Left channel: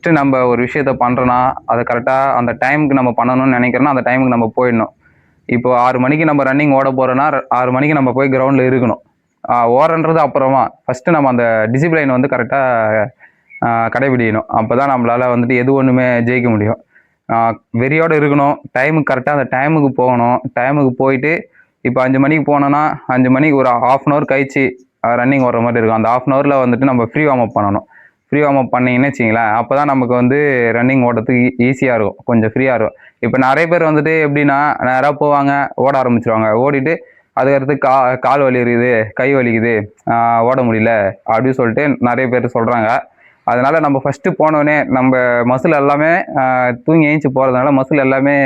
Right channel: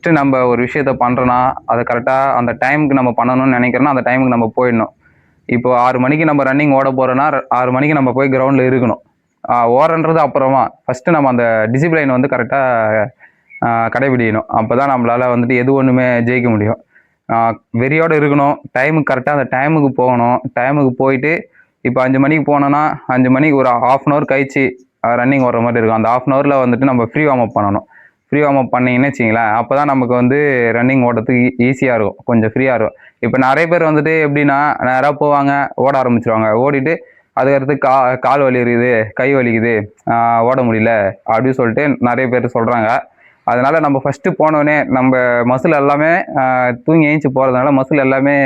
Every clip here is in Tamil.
ஃபஸ்ட்டு நம்ம ஒரு விஷயத்த பண்ணுறோன்னா அதை கரெக்டாக அந்த டைமுக்கு நம்ம பண்ணணும்னு நினைக்கிறோன்னா அந்த டைமுக்கு நம்ம போயிடணும். இப்போ 6 மணிக்கு நம்ம ரன்னிங் ஓட போகிறோன்னா 6 மணிக்கு நம்ம போய் கிரவுண்டில் இருக்கணும். ஓடுறது அப்புறமா ஃபஸ்ட்டு நம்ம அந்த டிசிப்ளைன் வந்து கரெக்டாக கடைபிடிக்கணும். அப்போ தான் நம்மளால் வந்துட்டு எது ஒன்றுமே ஜெயிக்க முடியும். வெறியோடு இருக்கணும். டைமுக்கு கரெக்டாக அந்த டைமுக்கு போகணும். டைமுக்கு போயிட்டு இப்போ 5 மணிக்கு போனோன்னா 5 மணிக்கு ஒரு 1/2 அன் ஹவர் கழிச்சு ரன்னிங் ஓடுற மாதிரி இருக்கும். அந்த 1/2 அன் ஹவரில் வந்துட்டு நம்ம ஃப்ரீ வார்ம் அப் பண்ணணும். ஃப்ரீ வார்ம் அப் பண்ணிங்கன்னு வச்சிங்களேன், அப்போ தான் நமக்கு வந்து ரன்னிங் ஓடுறதுக்கு ஈஸியாக இருக்கும், கொஞ்சம் ஃப்ரீயாக இருக்கும். இப்போ நிறைய பேர் வந்துட்டு எப்படின்னா நேராக போவாங்க, ஓட ஆரம்பிச்சிருவாங்க. ஓடிட்டு அதுக்கடுத்து கால் வலி இருக்குது, கை வலிக்குது, ஓட முடியல அப்படின்னு சொல்லிட்டு நிறைய பேர் சொல்கிறாங்க. அதனால நம்ம ஃபஸ்ட்டு போனோடனே நம்ம மசில் எல்லாமே தூங்கி ஏஞ்சி போகிறதுனால மசில் எல்லாமே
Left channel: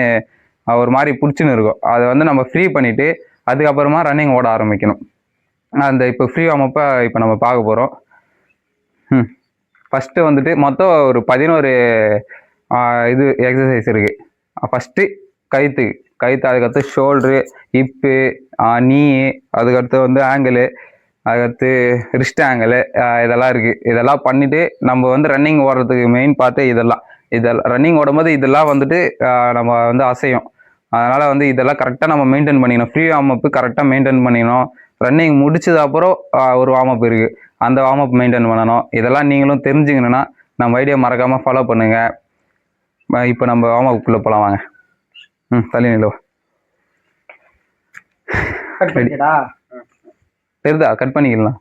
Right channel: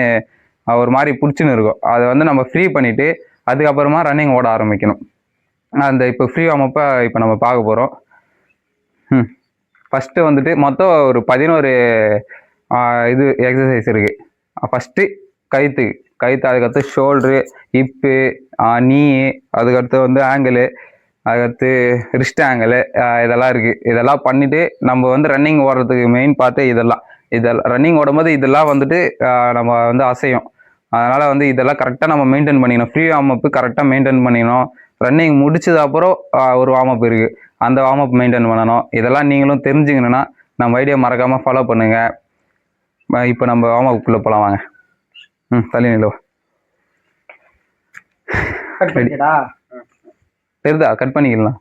ஒரு மாதிரி பிடிச்சின்னு இருக்கும். அதை வந்து நம்ம ஃப்ரீ பண்ணிவிட்டு அதுக்கப்புறமா ரன்னிங் ஓட ஆரம்பிக்கணும். அந்த இப்போ ஃப்ரீ வார்மப்பை இப்போ நம்ம பார்க்க போகிறோம். ஃபஸ்ட்டு வந்துட்டு மொத்தம் ஒரு 11 இது எக்ஸசைஸ் இருக்குது. ஃபஸ்ட்டு கழுத்து, அதுக்கடுத்து ஷோல்ட்ரு, ஹிப்பு, நீ, அதுக்கடுத்து வந்து ஆங்கிளு, அதுக்கடுத்து ரிஸ்ட் ஆங்கிளு, இதெல்லாம் இருக்குது. இதெல்லாம் பண்ணிவிட்டு நம்ம வந்து ரன்னிங் ஓடுறதுக்கு மெயின் பார்த்து இதெல்லாம் ரன்னிங் ஓடும்போது இதெல்லாம் வந்துட்டு நம்ம வந்து அசையும். அதனால் வந்து இதெல்லாம் கரெக்டாக நம்ம மெயின்டைன் பண்ணிக்கணும். ஃப்ரீ வார்ம் அப்பு கரெக்டாக மெயின்டைன் பண்ணிக்கணும். ரன்னிங் முடிச்சது அப்புறம் ஒரு வார்ம் அப் இருக்குது, அந்த வார்ம் அப் மெயின்டைன் பண்ணணும். இதெல்லாம் நீங்களும் தெரிஞ்சுக்கணுன்னா நம்ம ஐடியா மறக்காமல் ஃபாலோ பண்ணுங்கள். இப்போ நம்ம வார்ம் அப்புக்குள்ளே போகலாம் வாங்க. தள்ளி நிலவா தெரியுதா? கட் பண்ணிக்கலாம்.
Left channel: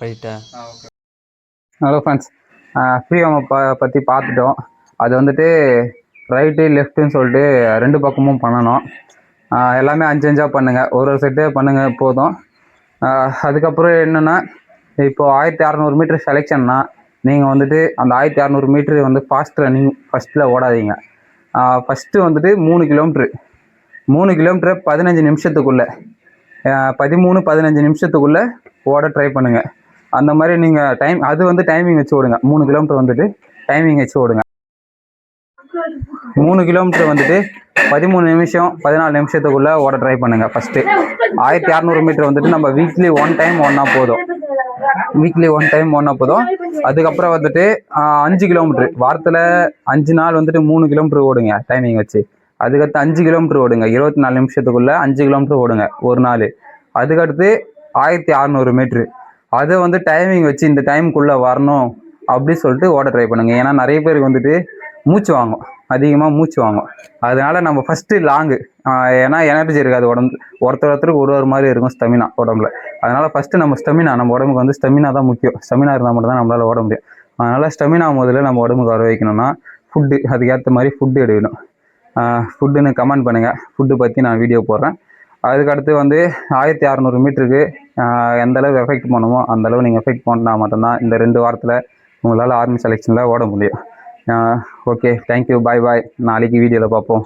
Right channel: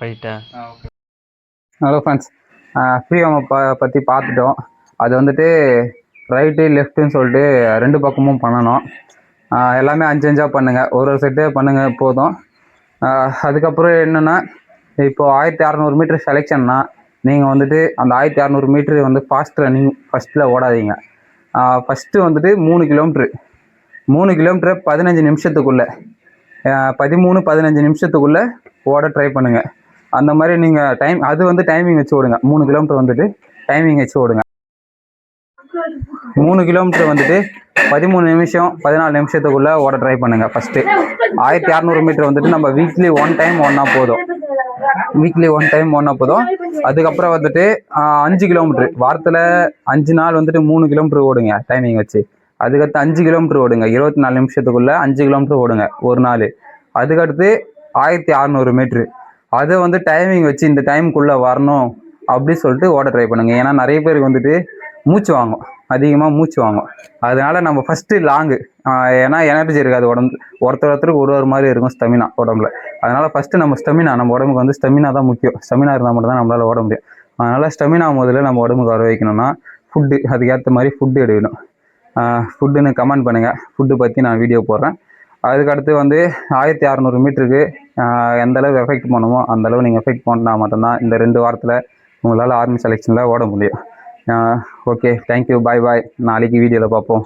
போயிட்டா. ஹலோ ஃப்ரெண்ட்ஸ், ஃப்ரீ வார்ம் பற்றி பார்த்துட்டோம். அது வந்துட்டு ரைட்டு லெஃப்ட்டுன்னு சொல்லிட்டு 2 பக்கமும் பண்ணணும். எல்லாமே 5 5 பண்ணுங்கள், ஒரு செட்டே பண்ணுங்கள் போதும். அதுக்கப்புறம் என்னென்னா, இப்போது 1600 மீட்டர் செலெக்ஷன்னா நீங்கள் வந்துட்டு அந்த 1600 மீட்ரு வந்து ஃபாஸ்ட் ரன்னிங் ஃபஸ்ட்டில் ஓடாதீங்க. ஃபஸ்ட்டு வந்துட்டு 3 கிலோமீட்ரு 3 கிலோமீட்டரை 15 நிமிஷத்துக்குள்ளே 13-15 நிமிஷத்துக்குள்ளே ஓட ட்ரை பண்ணுங்கள். அந்த மாதிரி நீங்கள் அது வந்து டைமிங் வச்சு ஓடுங்க. 3 கிலோமீட்டர் வந்துட்டு டைமிங் வச்சு ஓடுங்க. 3 கிலோமீட்டர் வந்துட்டு 13 நிமிஷம் 14 நிமிஷத்துக்குள்ளே ஓட ட்ரை பண்ணுங்கள். ஃபஸ்ட்டு 1600 மீட்டர் வந்துட்டு நம்ம வீக்லி 1 டைம் ஓடினா போதும். அதுக்கப்புறம் வந்துட்டு 5 கிலோமீட்ரு வாரத்தில் 5 நாள் வந்துட்டு 3 கிலோமீட்டர் ஓடுங்க டைமிங் வச்சு. அதுக்கடுத்து 5 கிலோமீட்டர் ஓடுங்க, 24 நிமிஷத்துக்குள்ளே 5 கிலோமீட்டர் ஓடுங்க ஒரு நாள். அதுக்கடுத்து 1600 மீட்ரு, அதை வந்து டைமிங் வச்சு இந்த டைமுக்குள்ளே வரணும் அப்படி சொல்லிட்டு ஓட ட்ரை பண்ணுங்கள். ஏன்னா நிறைய பேருக்கு வந்துட்டு மூச்சு வாங்கும், அதிகமாக மூச்சு வாங்கும். அதனால நம்ம ஃபஸ்ட்டு லாங்கு, ஏன்னா எனர்ஜி இருக்காது உடம்பு, ஒருத்தருக்கு ஒரு மாதிரி இருக்கும் ஸ்டெமினா உடம்புல. அதனால் ஃபஸ்ட்டு நம்ம உடம்புக்கு வந்து ஸ்டெமினா தான் முக்கியம். ஸ்டெமினா இருந்தால் மட்டும் தான் நம்மளால் ஓட முடியும். அதனால் ஸ்டெமினா முதல்ல நம்ம உடம்புக்கு வர வைக்கணும்னா ஃபுட்டு, அதுக்கேற்ற மாதிரி ஃபுட்டு எடுக்கணும். ஃபுட்டுன்னு கமெண்ட் பண்ணுங்கள், ஃபுட்டு பற்றி நான் வீடியோ போடுறேன். அதுக்கடுத்து வந்து 1600 மீட்டருக்கு எந்தளவு எஃபெக்ட் பண்ணுமோ அந்தளவு நீங்கள் எஃபெக்ட் பண்ணால் மட்டும்தான் இந்த 2 வாரத்தில் உங்களால் ஆர்மி செலெக்ஷனில் ஓட முடியும். ஓகே, தேங்க்யூ, பாய். நாளைக்கு வீடியோவில் பார்ப்போம்.